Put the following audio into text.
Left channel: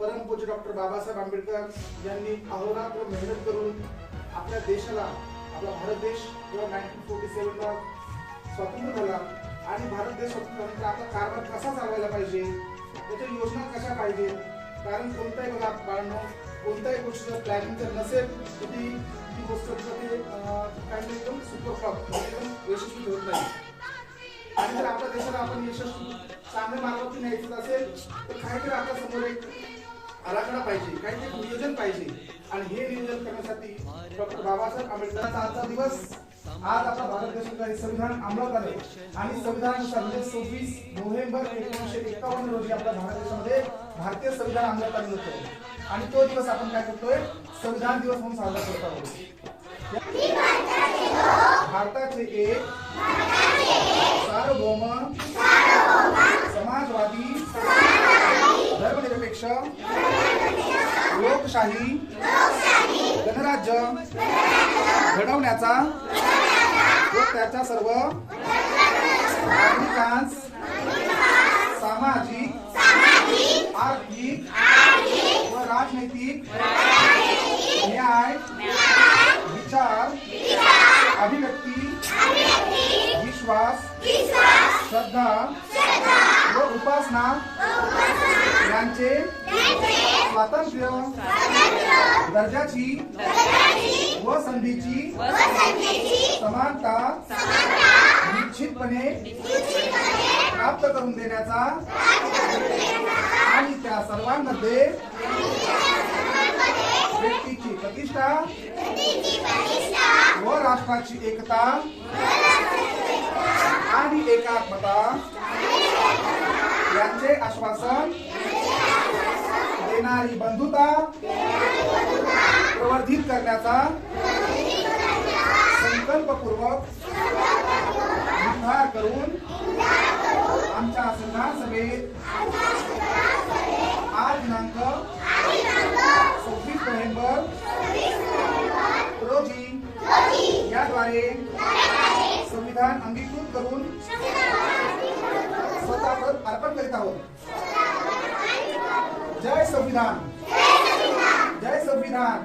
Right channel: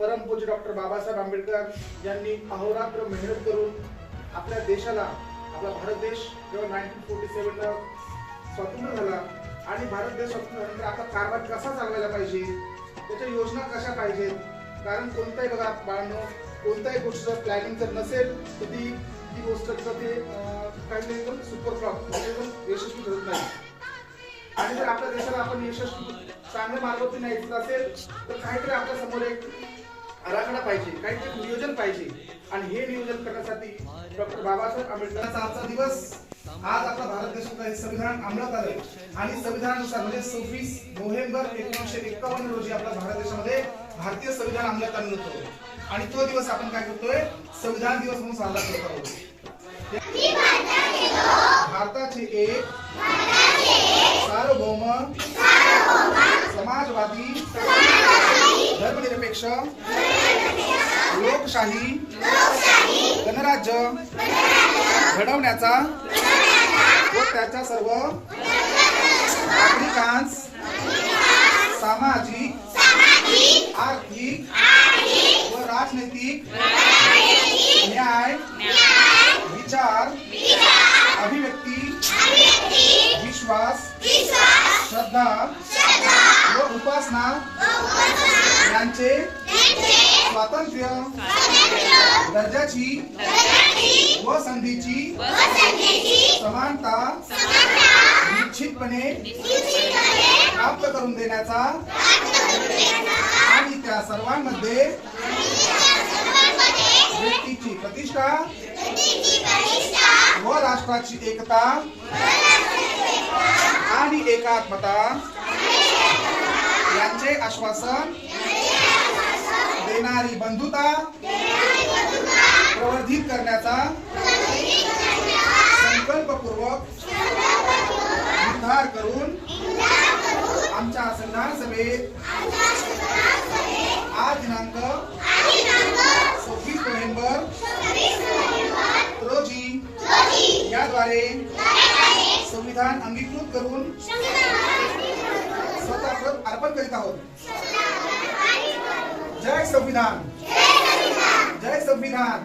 परमपूज्य डॉक्टर बाबासाहेब आंबेडकर यांनी अहोरात्र मेहनत करून आपल्या देशाला, आपला भारत देश जेव्हा 1947 ला स्वातंत्र्य झाला आणि भारत देश स्वातंत्र्य झाल्यानंतर आता कारभार कसा चालवायला पाहिजे, त्याच्या योजना कशा पाहिजेत. कारण कोणताही बघा बाळांनो, कोणत्याही गोष्टीचं प्लॅनिंग जर नसेल तर ती गोष्ट ते काही एकदम सुपर फ्लॉप एकदम यशस्वी ठरत नाही. आणि जर आपल्या देशाला आपण यशस्वी चांगल्या मार्गावरती न्यायचं असेल तर काहीतरी आपल्या समोर एक आराखडा पाहिजे, काहीतरी नियोजन पाहिजे. आणि हे नियोजन करण्यासाठी डॉक्टर बाबासाहेब आंबेडकरांचा आजचा दिवस, आज आपला भारत देशाचं संविधान अंमलात आले आणि संविधानानुसार म्हणजे 26 नोव्हेंबर 1951 रोजी आपल्या भारत देशामध्ये भारतीय संविधान अंमलात आलं होतं. आणि तो दिवस आपण काय करतोय, संविधान दिवस म्हणून साजरा करत आहोत. भारताचे एक सार्वभौम समाजवादी धर्मनिरपेक्ष लोकशाही गणराज्य घडवण्याचा व त्याच्या सर्व नागरिकांस सामाजिक, आर्थिक व राजनैतिक न्याय, विचार, अभिव्यक्ती, विश्वास, श्रद्धा व उपासना यांचे स्वातंत्र्य, दर्जाची व संधीची समानता निश्चितपणे प्राप्त करून देण्याचा आणि त्या सर्वांमध्ये व्यक्तीची प्रतिष्ठा व राष्ट्राची एकता आणि एकात्मता यांचे आश्वासन देणारी बंधुता प्रवर्धित करण्याचा संकल्पपूर्वक निर्धार करून आमच्या संविधान सभेत आज दिनांक 26 नोव्हेंबर रोजी याद्वारे संविधान अंगीकृत करून स्वतः अर्पण करीत आहोत. जय संविधान, जय संविधान.